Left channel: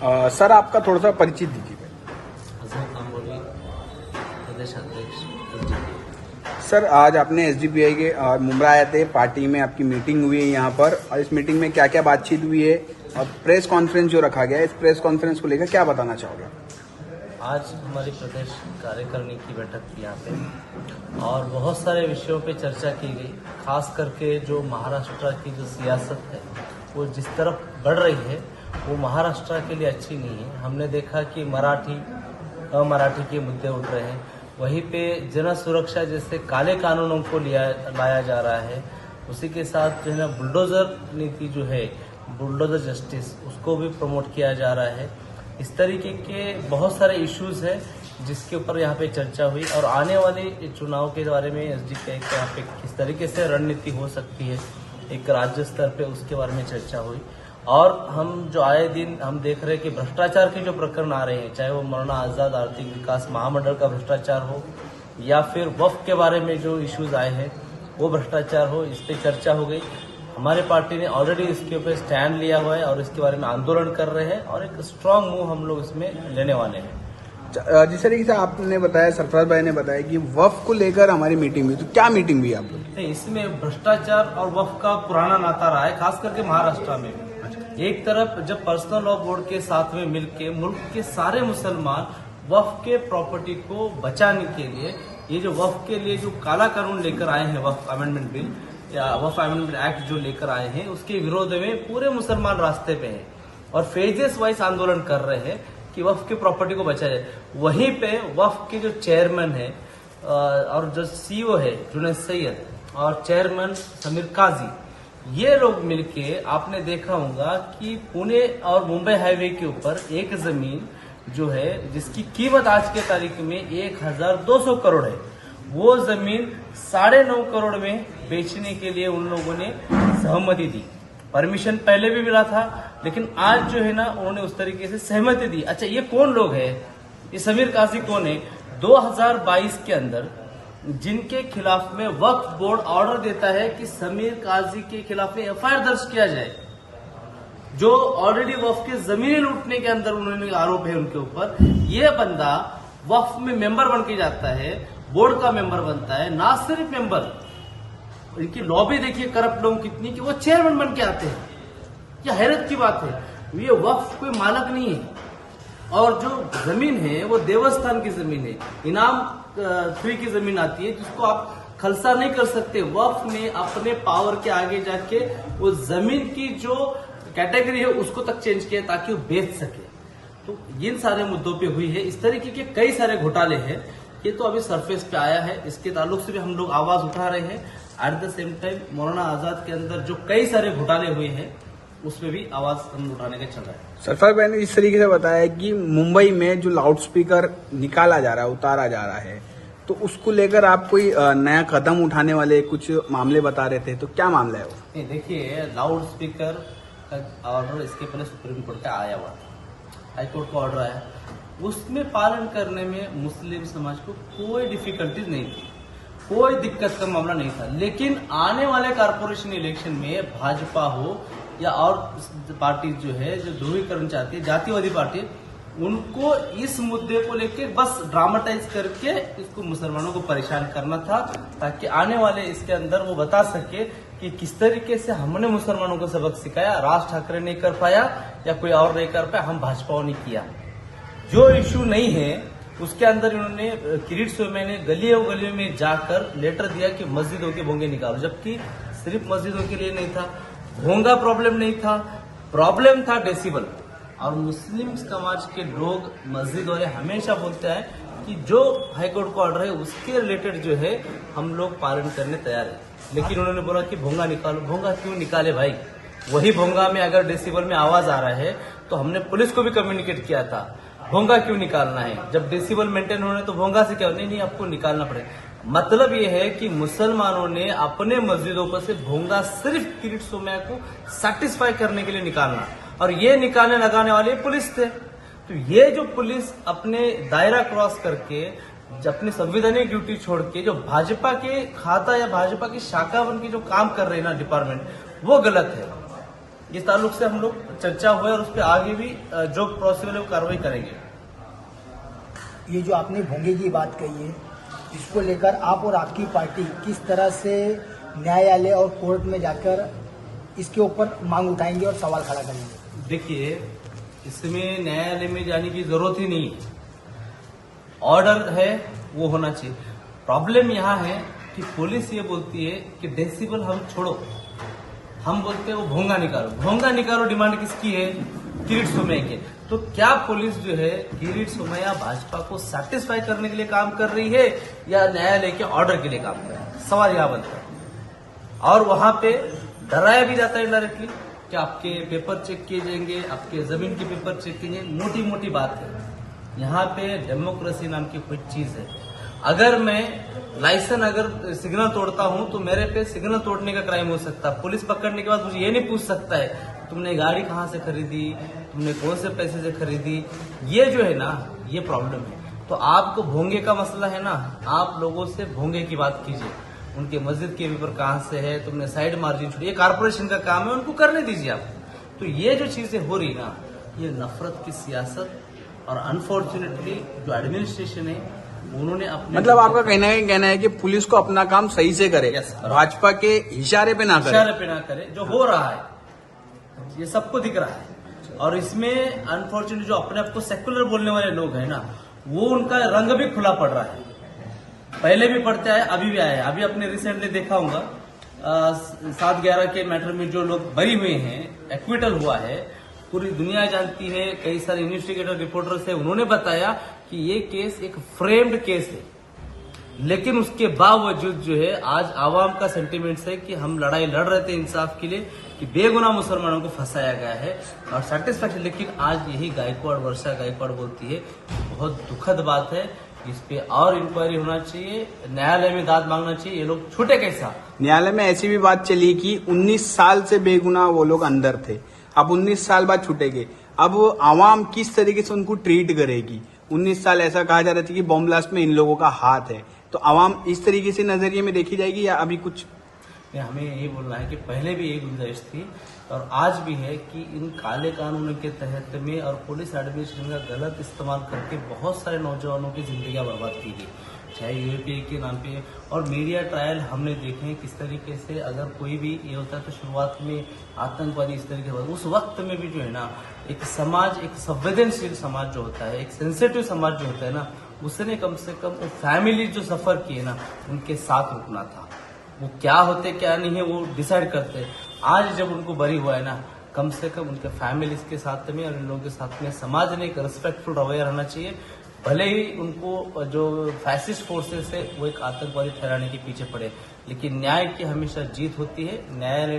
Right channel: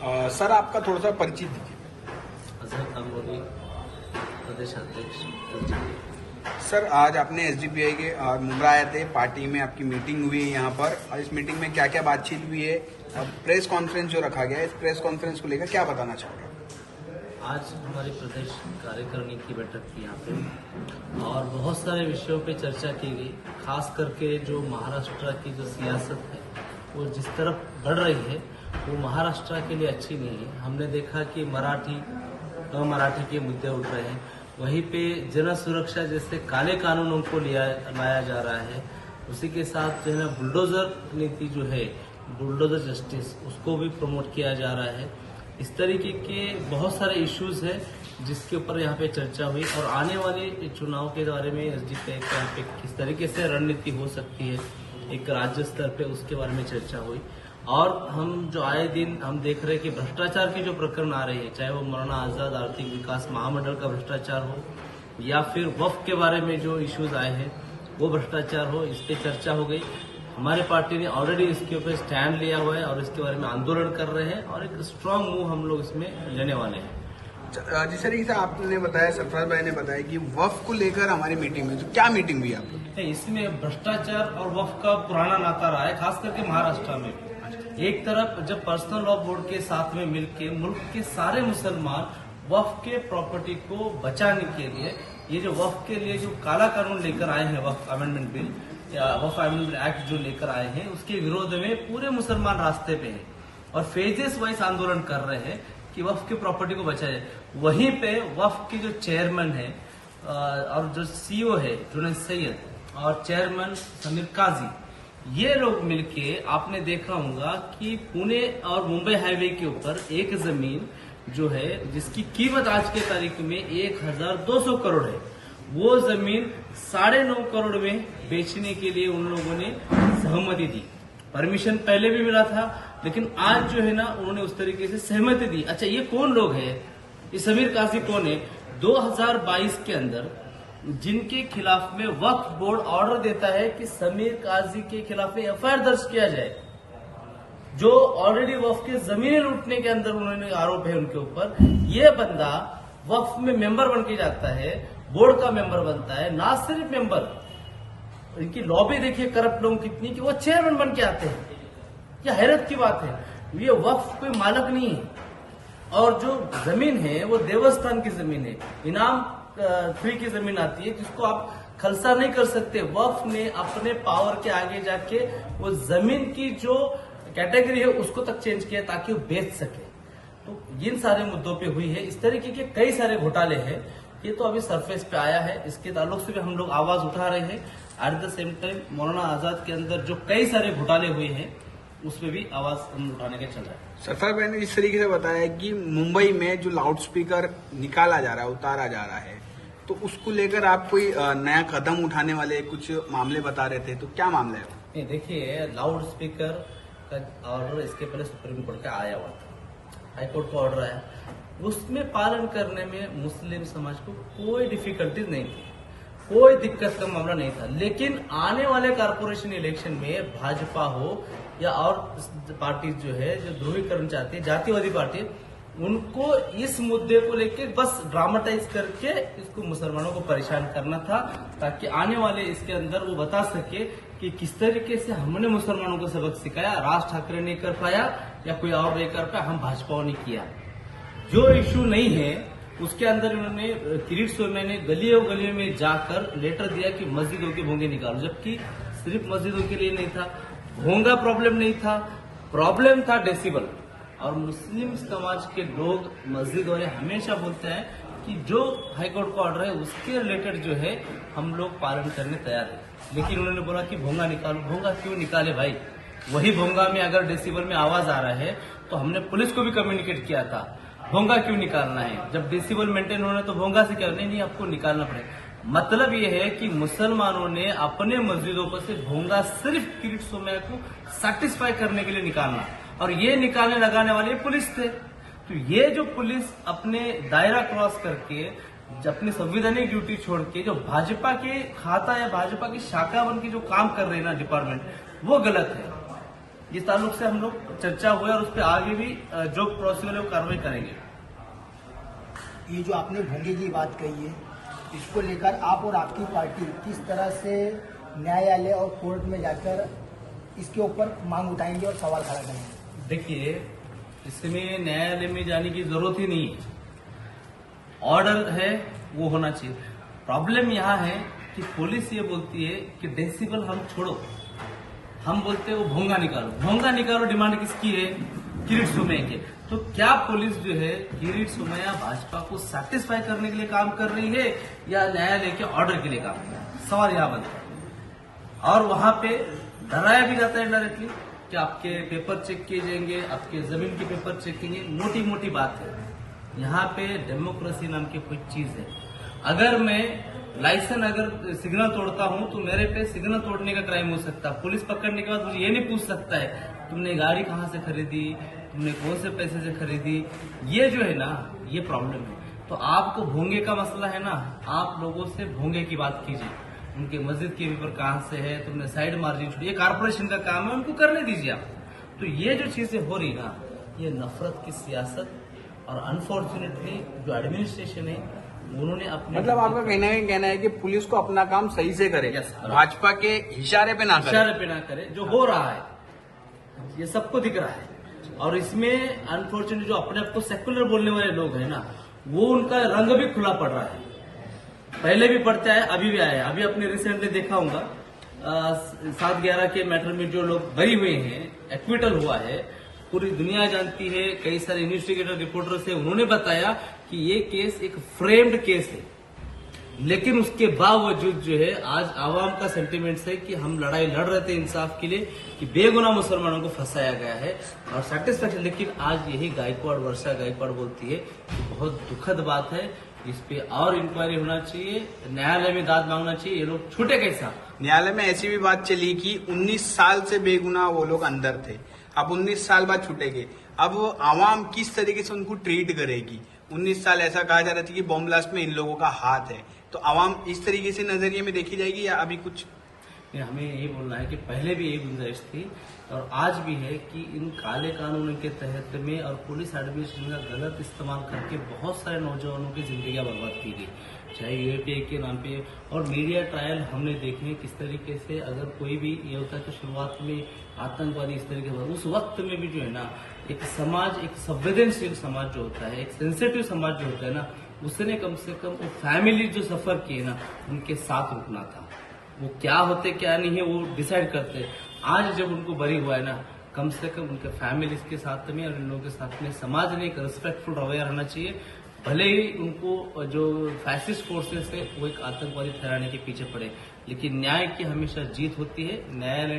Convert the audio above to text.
Sir आपका थोड़ा सा परिचय दीजिए। सर आज आपने एसडीपीआई के मुंब्रा आए थे, पार्टी में आपकी मीटिंग हुई है यहाँ पर, और इस मीटिंग में क्या क्या बातचीत हुई है और प्रेस कॉन्फ्रेंस जो रखा गया है, इस प्रेस कॉन्फ्रेंस को लेकर क्या बताना चाहोगे? आज हमारी प्रदेश कार्यकारिणी की बैठक थी यहाँ पे और बहुत सारे विषयों पे चर्चा की गई। खास करके जो महाराष्ट्र की जो सियासत है वो जिस तरफ बढ़ रही है वो महाराष्ट्र के लिए अच्छी नहीं है। हमने देखा कि मराठी अमराठी के मुद्दे उठ रहे हैं, वहीं पे जन सुरक्षा जैसे काले कानूनों को लाया जा रहा है। उसी के साथ जो है बुलडोजर नीति जो है, बुलडोजर जस्टिस, उसको भी प्रमोट किया जा रहा है। इस तरीके के बहुत सारे इश्यूज हैं जिसके ऊपर यहाँ पे चर्चा हुई और आने वाले चुनाव के बारे में एसडीपीआई के यहाँ पे किस तरीके से रणनीति हो सकती है एक राज्य स्तर पे, उसके बारे में चर्चा हुई। और हम जो आए दिन हम देख रहे हैं कि भ्रष्टाचार के जो प्रकरण आ रहे हैं, चाहे वो मौलाना आजाद आर्थिक विकास महामंडल का भ्रष्टाचार हो या फिर वक्फ के बारे में जो इश्यूज आए हैं वो भ्रष्टाचार हो, इस पर चर्चा हो गई। हमारी पार्टी ने ऑलरेडी इसके ऊपर स्टैंड लिया हुआ है और इसके बारे में आंदोलन कर रहे हैं और एक स्ट्रांग मूव हम लोग इसमें लेने वाले हैं। जिस तरीके से आपने बताया, सरफराज भाई ने बताया कि वक्फ को लेकर हमारी मीटिंग हुई, तो क्या मीटिंग हुई आपकी? इसमें भ्रष्टाचार और वक्फ का पुराना नाता रहा है, खास करके महाराष्ट्र में। एक तरफ जब पर्सनल लॉ बोर्ड के साथ में मिलकर मुल्क के सारे मुसलमान वक्फ के प्रॉपर्टी को बचाने के लिए, ये जो वक्फ के लिए जो काला कानून लेकर आए हैं, वक्फ अमेंडमेंट बिल या वक्फ अमेंडमेंट एक्ट जो लेकर आए हैं, उसके विरोध में पूरे मुसलमान रास्ते पे हैं और फेजेस वाइज आंदोलन कर रहे हैं कि वक्फ की प्रॉपर्टी को बचाया जाए। वहीं पे वक्फ के जो चेयरमैन है और जो सीईओ है जुनैद सैयद और चेयरमैन समीर काजी, ये लोग मिलके, आपने देखा होगा कि पुणे और मुंबई हाईवे के ऊपर एक जमीन जो है जिसकी कीमत आज के तारीख में 1200 करोड़ है, वो जमीन 9.5 करोड़ में बेचने के लिए उन लोगों ने सहमति दी। परमिशन पहले भी मिला था, लेकिन आज जो है ना उन्होंने उस तरीके से सहमति दी। अच्छा, ये कौन लोग है? ये समीर काजी कौन है? 2022 के अंदर जिनके खिलाफ में वक्फ बोर्ड ऑर्डर देता है कि समीर काजी के खिलाफ में एफआईआर दर्ज किया जाए, जो ऑलरेडी वक्फ के जमीनें लूटने के अंदर उन्होंने आरोप है उनके ऊपर। ये बंदा वक्फ में मेंबर बन के जाता है, बोर्ड का मेंबर बनता है, ना सिर्फ मेंबर, इनकी लॉबी देखिए करप्ट लोग कितनी कि वो चेयरमैन बन के आते हैं। ये हैरत की बात है। ये वक्फ कोई मालक नहीं है और जो जमीन है वो देवस्थान की जमीन है, इनाम फ्री की जमीन आती है जिसको आप खलसा नहीं कर सकते। वक्फ ने अपने पावर के आगे जाके वो जमीन की जो कैटेगरी है उसको तक चेंज किया ताकि वो बेच सके। तो इन सारे मुद्दों पे हुई है। इस तरीके के कई सारे घोटाले हैं, ये तो अभी सरफेस पे आया है, इसके ताल्लुक से भी हम लोग आवाज उठा रहे हैं। At the same time Maulana Azad के अंदर जो कई सारे घोटाले हुए हैं उस पर भी आवाज हम उठाने के चल रहा है। सरफराज भाई ने इस तरीके से बताया कि मुंबई में जो लाउड स्पीकर निकाला जा रहा है, उतारा जा रहा है, तो उसको लेकर आप कोई नया कदम उठाने वाले कुछ मामले बता रहे थे, तो क्या मामला है? नहीं, देखिए, लाउड स्पीकर का ऑर्डर इसके पहले सुप्रीम कोर्ट का आया हुआ था, हाई कोर्ट का ऑर्डर आया, उसमें पालन करने में मुस्लिम समाज को कोई डिफिकल्टीज नहीं थी, कोई दिक्कत का मामला नहीं था। लेकिन आने वाले कारपोरेशन इलेक्शन में भाजपा हो या और पार्टी जो है जो ध्रुवीकरण चाहती है, जातिवादी पार्टी, उनको इस मुद्दे को लेके बस ड्रामेटाइज करके इसको मुसलमानों को परेशान करना था, ताकि आने वाले इसके अंदर वो बता सके कि किस तरीके से हमने मुसलमानों को सबक सिखाया, राज ठाकरे नहीं कर पाया या कोई और नहीं कर पाया, हम भाजपा ने किया। जो इश्यू नहीं है उसके अंदर इन्होंने किरीट सोमेन ने गलियों में जाकर लेटर दिया कि मस्जिदों के भोंगे निकालो, जबकि सिर्फ मस्जिदों के लिए नहीं था, भोंगा प्रॉब्लम नहीं था, प्रॉब्लम था डेसिबल। और मुस्लिम समाज के लोग, मस्जिद वाले हमेशा बोलते हैं कि जो हाईकोर्ट का ऑर्डर है उसके रिलेटेड जो है हम लोग पालन करने तैयार है। लेकिन उन्होंने बोला कि भोंगा निकालो। भोंगा क्यों निकाले भाई? वही भोंगा में अगर डेसिबल में आवाज आ रहा है तो हमने पुलिस को भी कम्युनिकेट किया था, भोंगा क्यों निकालना है? जब डेसिबल मेंटेन होने तो भोंगा से क्या? नहीं, आपको निकालना पड़ेगा। मतलब ये है कि मुसलमानों ने अपने मस्जिदों पर से भोंगा सिर्फ किरीट सोमैया को सेटिस्फाई करने के लिए निकालना, और ये निकालने लगाने वाले पुलिस थे। तो ये जो पुलिस अपने दायरा क्रॉस करके, अपनी संवैधानिक ड्यूटी छोड़ के जो भाजपा के खाता या भाजपा की शाखा बन के जो काम कर रहे हैं ना डिपार्टमेंट, वो गलत है। इस ताल्लुक से हम लोग चर्चा हुई और उस पर आगे भी जो पॉसिबल है वो कार्रवाई करेंगे। ये जो आपने भोंगे की बात कही है, इसको लेकर आप और आपकी पार्टी किस तरह से न्यायालय और कोर्ट में जाकर इसके ऊपर मांग उठाएंगे और सवाल खड़ा करेंगे? देखिए, इसमें न्यायालय में जाने की जरूरत ही नहीं है। ऑर्डर है वो होना चाहिए। प्रॉब्लम यहाँ है कि पुलिस ये बोलती है कि डेसिबल हम छोड़ो, हम बोलते हैं वो भोंगा निकालो। भोंगा निकालो डिमांड किसकी है? किरीट सोमैया के। तो क्या पुलिस जो है किरीट सोमैया भाजपा को सेटिस्फाई करने के लिए काम कर रही है या न्यायालय के ऑर्डर के लिए काम कर रही है? सवाल यहाँ बनता है। और वहां पे डराया भी जाता है डायरेक्टली कि आपके पेपर चेक किए जाएंगे, आपके जमीन के पेपर चेक किए जाएंगे। मोटी मोटी बात है। यहाँ पे डेमोक्रेसी नाम की कोई चीज है। अगर मैं लाइसेंस अगर सिग्नल तोड़ता हूं तो मेरे पे सिग्नल तोड़ने का क्राइम हो सकता है। पुलिस पकड़ने के बाद मुझे ये नहीं पूछ सकता है तुमने गाड़ी कहाँ से खरीदी, तुमने कौन से पैसे से खरीदी। ये जो है ना, ये प्रॉब्लम है। तो आपको भोंगे का मसला है ना, आप लोगों से भोंगे की बात कीजिए। उनके मस्जिद के पेपर कहाँ से है, तुमने साइड मार्जिन से, ये कारपोरेशन का काम है, उनको करने दीजिए आप। तो ये जो चीजें हो रही ना, ये नफरत की सियासत और अनफॉर्चुनेटली जो एडमिनिस्ट्रेशन है उन्होंने अपने मतलब आपका कहना है कि पुलिस को अपना काम सही से करे, Yes, sir. भाजपा के इशारे पे ना करे। इशारे पे ना करे। जो हो रहा है ये सबको दिख रहा है। और इसमें अनफॉर्चुनेटली जो अपने आप को सेक्युलर बोलने वाले लोग हैं ना, वो उनका रंग भी खुला पड़ रहा है। पहले भी पढ़ते आए, अभी भी आए हैं। अभी आपने रिसेंटली देखा होगा 7/11 के मैटर में जो लोग बरी हुए हैं, एक्विटल हुआ है, पूरी दुनिया जानती है। कई सारे इन्वेस्टिगेटर रिपोर्टर्स है, उन्होंने बताया कि ये केस एक फ्रेम्ड केस है। लेकिन उसके बावजूद जो है आज आवाम का सेंटिमेंट्स है कि हम लड़ाई लड़ रहे थे इंसाफ के लिए कि बेगुनाह मुसलमानों को फंसाया गया है और सेटिस्फैक्शन। लेकिन आज यही वर्षा गायकवाड़ बोलती है कि बहुत दुखद बात है, इस पे और इंक्वायरी होना चाहिए, न्यायालय में दाद मांगना चाहिए। ये लोग छूटे कैसा? न्यायालय में ऐसी भी बात चली कि 19 साल से बेगुनाह वो लोग अंदर थे, अब 19 साल बाद छूटेंगे। अब आवाम किस तरीके से उनको ट्रीट करेगी? 19 साल ऐसा कहा जा रहा था कि बॉम्ब ब्लास्ट में इन लोगों का हाथ है, तो आवाम इस तरीके से नजरिए में देखी जाएगी या अभी कुछ? हमें यही बोलना है कि पहले भी यही गुंजाइश थी और आज भी है कि इन काले कानून के तहत में और पुलिस एडमिनिस्ट्रेशन का गलत इस्तेमाल करके बहुत सारे नौजवानों की जिंदगियां बर्बाद की गई, चाहे यूएपीए के नाम पे। और मीडिया ट्रायल हमने देखे हैं किस तरीके से अगर कोई भी ये होता है तो शुरुआत में आतंकवादी इस तरीके से, उस वक्त में भी जो है ना एक समाज, एक संवेदनशील समाज जो होता है, एक सेंसिटिव समाज जो होता है ना, उसने कम से कम फैमिली जो सफर किए ना उनके साथ रुकना था। वो क्या होते क्या नहीं है वो डिसाइड करते। आज जब उनको बरी हुआ है ना, कम से कम उनके फैमिलीज के साथ में और इन लोगों के साथ में समाज ने एक रिस्पेक्टफुल रवैया रहना चाहिए। भले ही उनको जो फैसिस्ट फोर्सेस है वो एक आतंकवादी फैलाने के पीछे पड़े, लेकिन न्याय की हमेशा जीत होती है। न्यायालय